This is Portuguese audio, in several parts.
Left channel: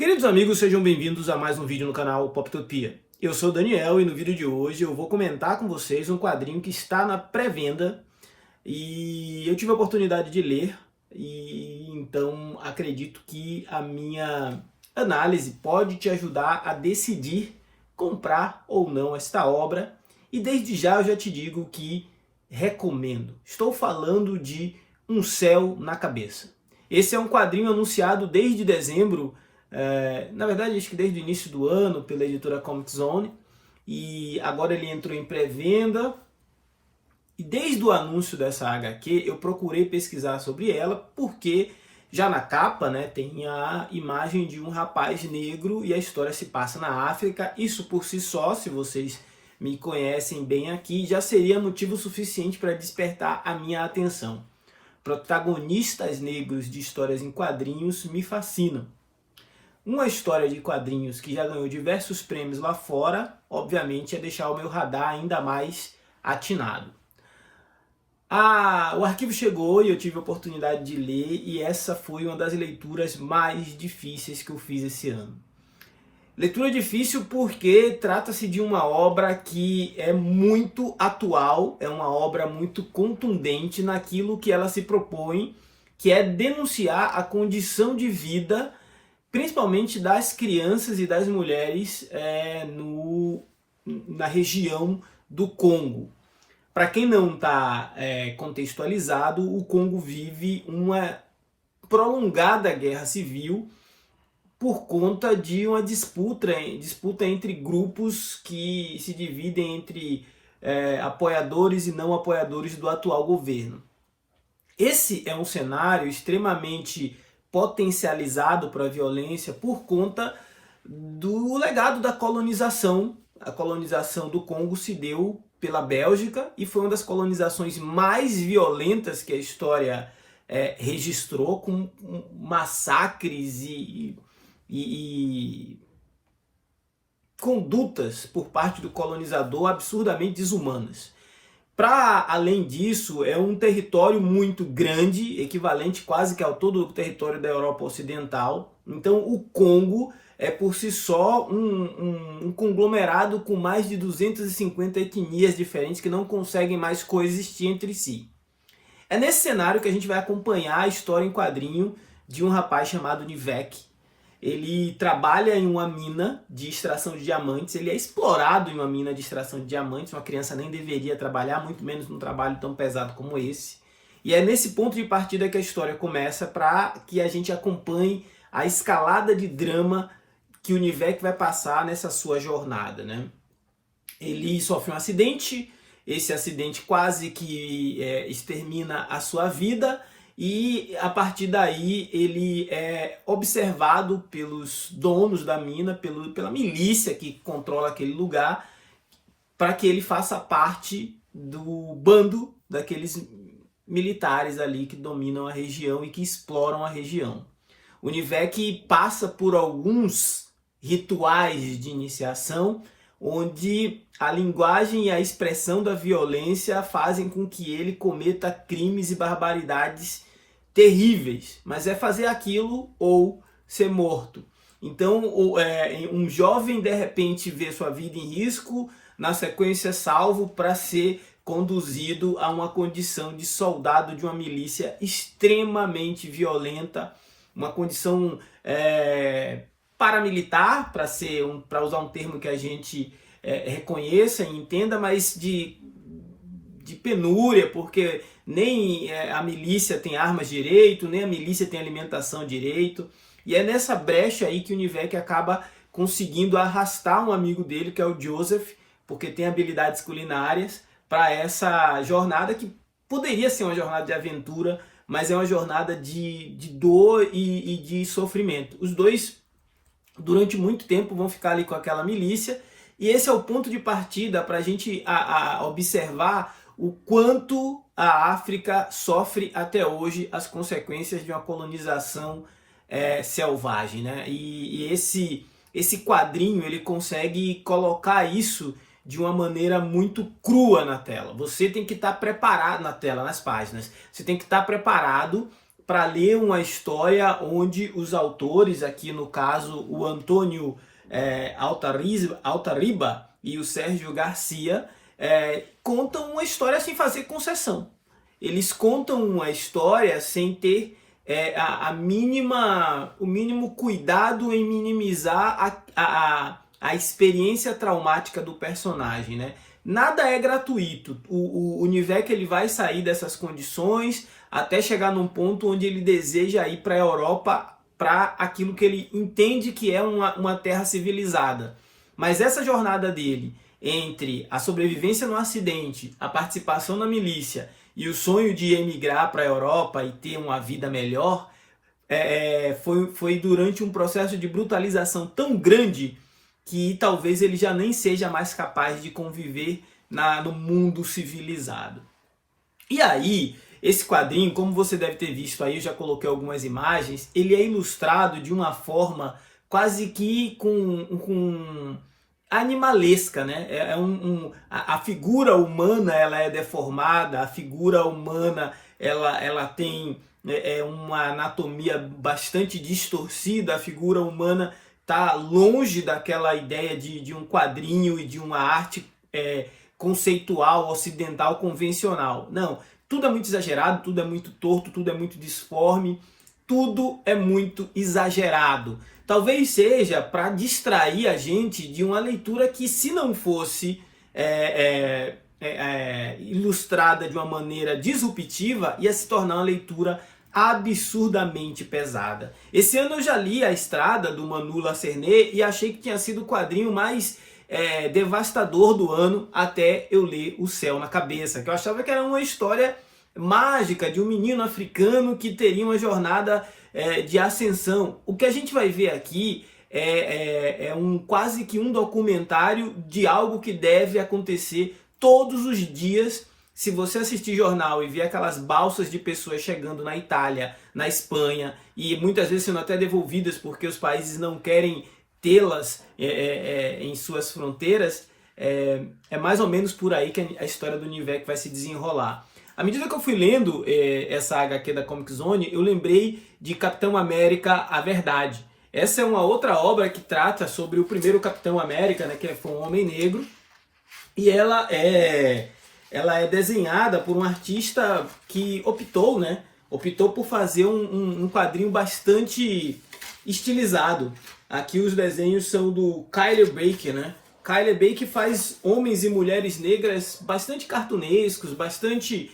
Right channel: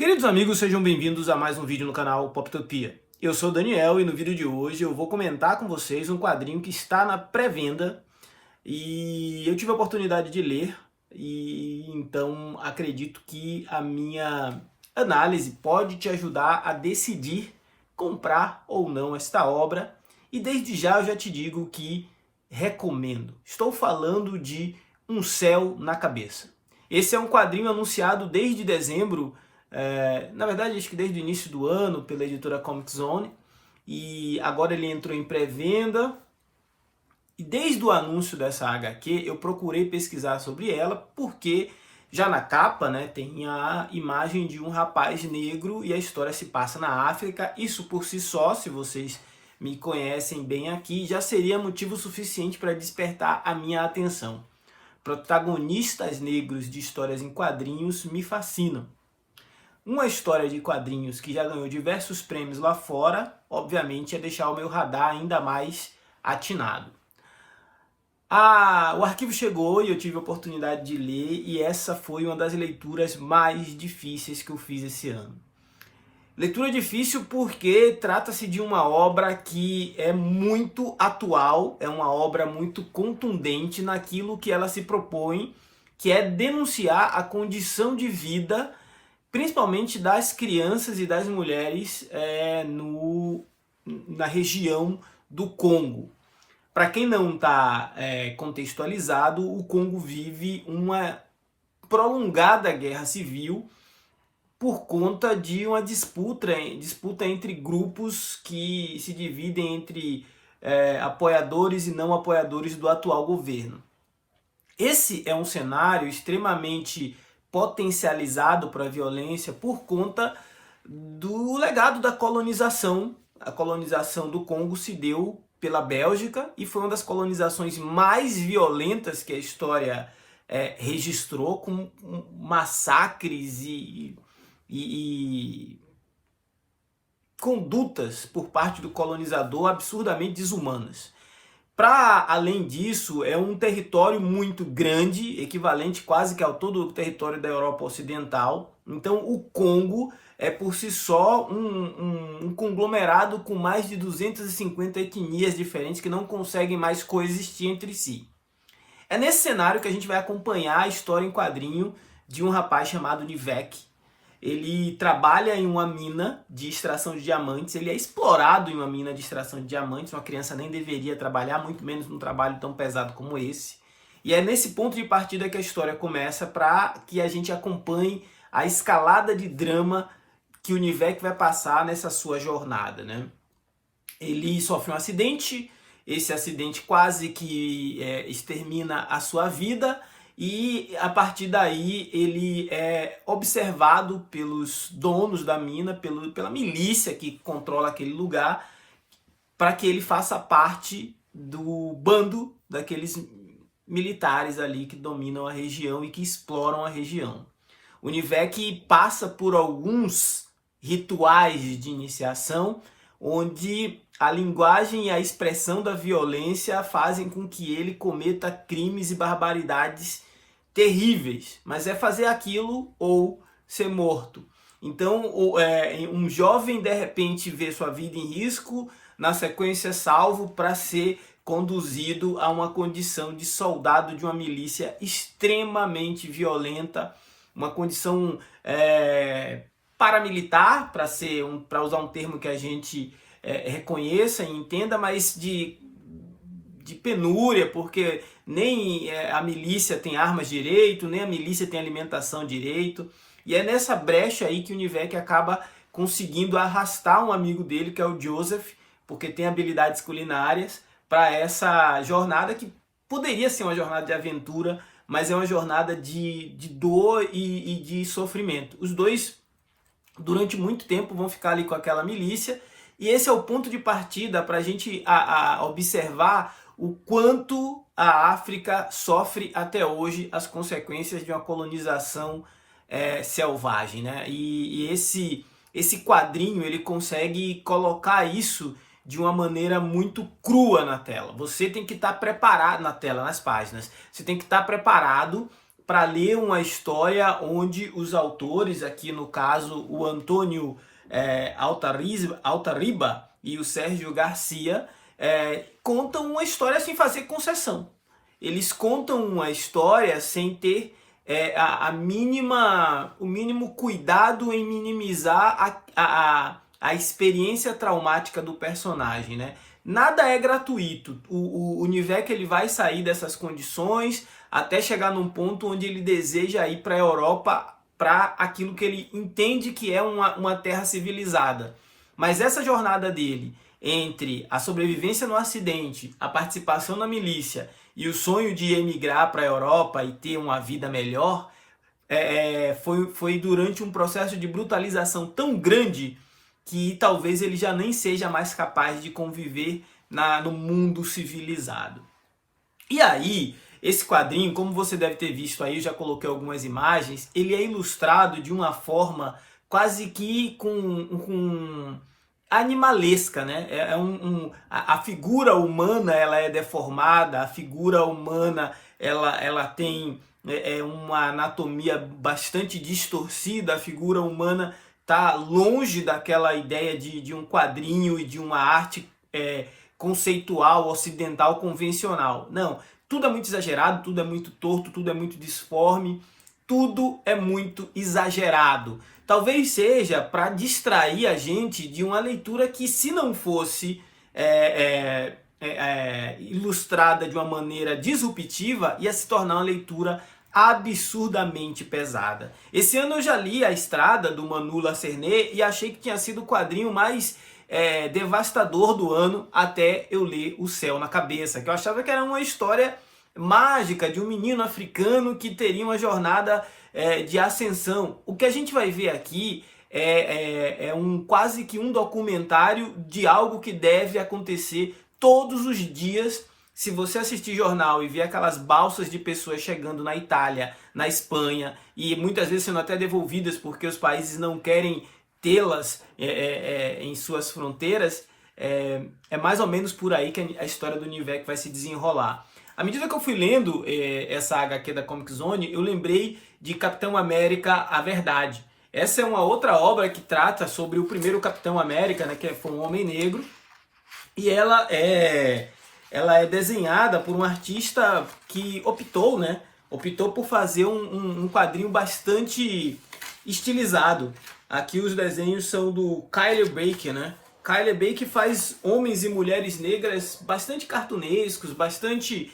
Queridos amigos, sejam bem-vindos a mais um vídeo no canal Poptopia. Eu sou o Daniel e no vídeo de hoje eu vou comentar com vocês um quadrinho que está na pré-venda e eu tive a oportunidade de ler e então acredito que a minha análise pode te ajudar a decidir comprar ou não esta obra e desde já eu já te digo que recomendo. Estou falando de Um Céu na Cabeça. Esse é um quadrinho anunciado desde dezembro, na verdade acho que desde o início do ano, pela editora Comic Zone, e agora ele entrou em pré-venda. E desde o anúncio dessa HQ eu procurei pesquisar sobre ela, porque já na capa, né, tem a imagem de um rapaz negro e a história se passa na África. Isso por si só, se vocês me conhecem bem aqui, já seria motivo suficiente para despertar a minha atenção. Protagonistas negros de histórias em quadrinhos me fascinam. Uma história de quadrinhos que já ganhou diversos prêmios lá fora, obviamente, é deixar o meu radar ainda mais atinado. O arquivo chegou e eu tive a oportunidade de ler, e essa foi uma das leituras mais difíceis que eu fiz esse ano. Leitura difícil porque trata-se de uma obra que é muito atual, é uma obra muito contundente naquilo que ela se propõe, que é denunciar a condição de vida, principalmente das crianças e das mulheres na região do Congo. Para quem não está contextualizado, o Congo vive uma prolongada guerra civil por conta de uma disputa entre grupos que se dividem entre apoiadores e não apoiadores do atual governo. Esse é um cenário extremamente potencializado para a violência por conta do legado da colonização. A colonização do Congo se deu pela Bélgica e foi uma das colonizações mais violentas que a história registrou, com massacres e condutas por parte do colonizador absurdamente desumanas. Para além disso, é um território muito grande, equivalente quase que ao todo o território da Europa Ocidental. Então o Congo é por si só um conglomerado com mais de 250 etnias diferentes que não conseguem mais coexistir entre si. É nesse cenário que a gente vai acompanhar a história em quadrinho de um rapaz chamado Nivek. Ele trabalha em uma mina de extração de diamantes, ele é explorado em uma mina de extração de diamantes. Uma criança nem deveria trabalhar, muito menos num trabalho tão pesado como esse. E é nesse ponto de partida que a história começa, para que a gente acompanhe a escalada de drama que o Nivek vai passar nessa sua jornada, né? Ele sofre um acidente, esse acidente quase que extermina a sua vida, e a partir daí ele é observado pelos donos da mina, pela milícia que controla aquele lugar, para que ele faça parte do bando daqueles militares ali que dominam a região e que exploram a região. O Nivek passa por alguns rituais de iniciação, onde a linguagem e a expressão da violência fazem com que ele cometa crimes e barbaridades terríveis, mas é fazer aquilo ou ser morto. Então um jovem de repente vê sua vida em risco, na sequência salvo para ser conduzido a uma condição de soldado de uma milícia extremamente violenta, uma condição paramilitar, para usar um termo que a gente reconheça e entenda, mas de penúria, porque nem a milícia tem armas direito, nem a milícia tem alimentação direito. E é nessa brecha aí que o Nivek acaba conseguindo arrastar um amigo dele, que é o Joseph, porque tem habilidades culinárias, para essa jornada que poderia ser uma jornada de aventura, mas é uma jornada de dor e de sofrimento. Os dois, durante muito tempo, vão ficar ali com aquela milícia, e esse é o ponto de partida para a gente observar o quanto a África sofre até hoje as consequências de uma colonização selvagem, né? E esse quadrinho ele consegue colocar isso de uma maneira muito crua na tela. Você tem que estar preparado na tela, nas páginas. Você tem que estar preparado para ler uma história onde os autores, aqui no caso o Antônio Altarriba e o Sérgio Garcia, contam uma história sem fazer concessão. Eles contam uma história sem ter o mínimo cuidado em minimizar a experiência traumática do personagem, né? Nada é gratuito. O Nivek ele vai sair dessas condições até chegar num ponto onde ele deseja ir para a Europa, para aquilo que ele entende que é uma terra civilizada. Mas essa jornada dele entre a sobrevivência no acidente, a participação na milícia e o sonho de emigrar para a Europa e ter uma vida melhor, foi durante um processo de brutalização tão grande que talvez ele já nem seja mais capaz de conviver no mundo civilizado. E aí, esse quadrinho, como você deve ter visto aí, eu já coloquei algumas imagens, ele é ilustrado de uma forma quase que com animalesca, né? A figura humana ela é deformada, a figura humana ela tem uma anatomia bastante distorcida, a figura humana está longe daquela ideia de um quadrinho e de uma arte conceitual, ocidental, convencional. Não, tudo é muito exagerado, tudo é muito torto, tudo é muito disforme, tudo é muito exagerado. Talvez seja para distrair a gente de uma leitura que, se não fosse ilustrada de uma maneira disruptiva, ia se tornar uma leitura absurdamente pesada. Esse ano eu já li A Estrada, do Manu Lacernet, e achei que tinha sido o quadrinho mais devastador do ano, até eu ler O Céu na Cabeça, que eu achava que era uma história mágica de um menino africano que teria uma jornada de ascensão. O que a gente vai ver aqui quase que um documentário de algo que deve acontecer todos os dias. Se você assistir jornal e ver aquelas balsas de pessoas chegando na Itália, na Espanha, e muitas vezes sendo até devolvidas porque os países não querem tê-las em suas fronteiras, é mais ou menos por aí que a história do Nivek vai se desenrolar. À medida que eu fui lendo essa HQ da Comic Zone, eu lembrei de Capitão América, A Verdade. Essa é uma outra obra que trata sobre o primeiro Capitão América, né, que foi um homem negro, e ela é desenhada por um artista que optou por fazer um quadrinho bastante estilizado. Aqui os desenhos são do Kyle Baker, né? Kyle Baker faz homens e mulheres negras bastante cartunescos, bastante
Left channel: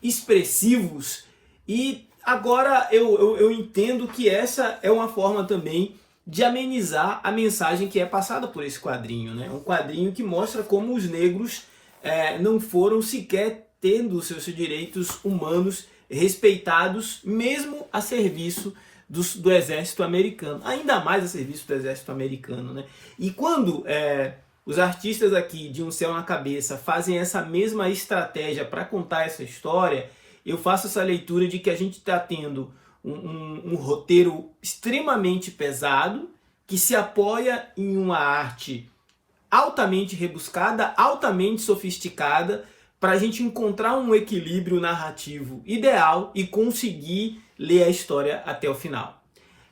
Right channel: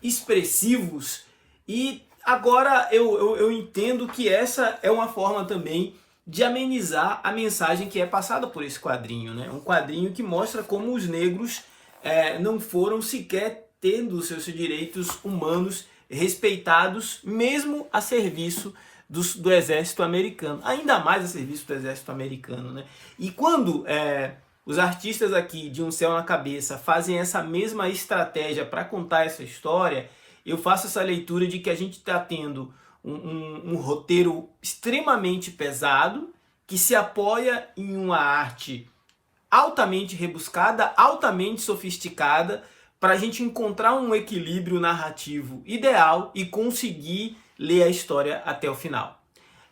expressivos, e agora eu entendo que essa é uma forma também de amenizar a mensagem que é passada por esse quadrinho, né? Um quadrinho que mostra como os negros não foram sequer tendo seus direitos humanos respeitados, mesmo a serviço do exército americano, ainda mais a serviço do exército americano, né? E quando os artistas aqui de Um Céu na Cabeça fazem essa mesma estratégia para contar essa história, eu faço essa leitura de que a gente está tendo um roteiro extremamente pesado, que se apoia em uma arte altamente rebuscada, altamente sofisticada, para a gente encontrar um equilíbrio narrativo ideal e conseguir ler a história até o final.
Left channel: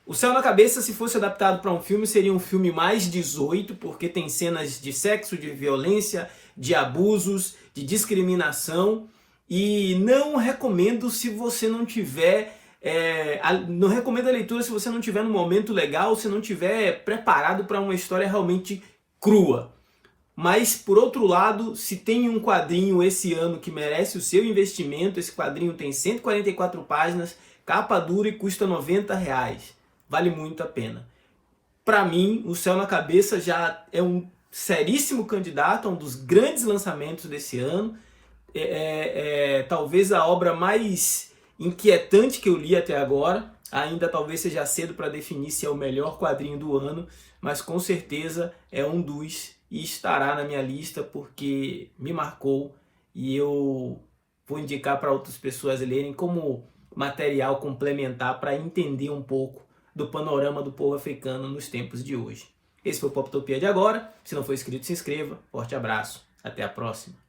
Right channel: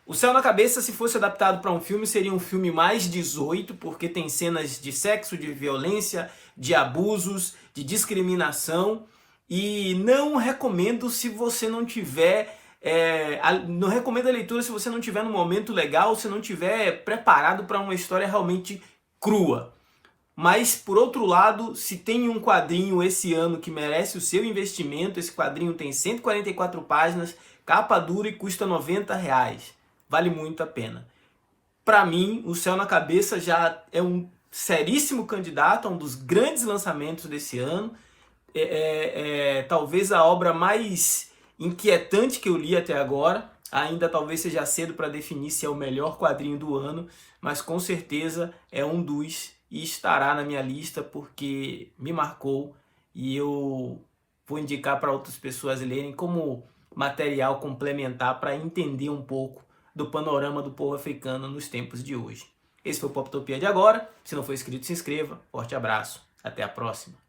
O Céu na Cabeça, se fosse adaptado para um filme, seria um filme mais 18, porque tem cenas de sexo, de violência, de abusos, de discriminação, e não recomendo se você não tiver... não recomendo a leitura se você não tiver num momento legal, se não tiver preparado para uma história realmente crua. Mas, por outro lado, se tem um quadrinho esse ano que merece o seu investimento, esse quadrinho tem 144 páginas, capa dura e custa R$90. Vale muito a pena. Para mim, O Céu na Cabeça já é um seríssimo candidato a um dos grandes lançamentos desse ano. Talvez a obra mais inquietante que eu li até agora. Ainda talvez seja cedo para definir se é o melhor quadrinho do ano, mas com certeza é um dos, e estará na minha lista porque me marcou, e eu vou indicar para outras pessoas lerem como material complementar para entender um pouco do panorama do povo africano nos tempos de hoje. Esse foi o Poptopia de agora. Se não for inscrito, se inscreva. Forte abraço. Até a próxima.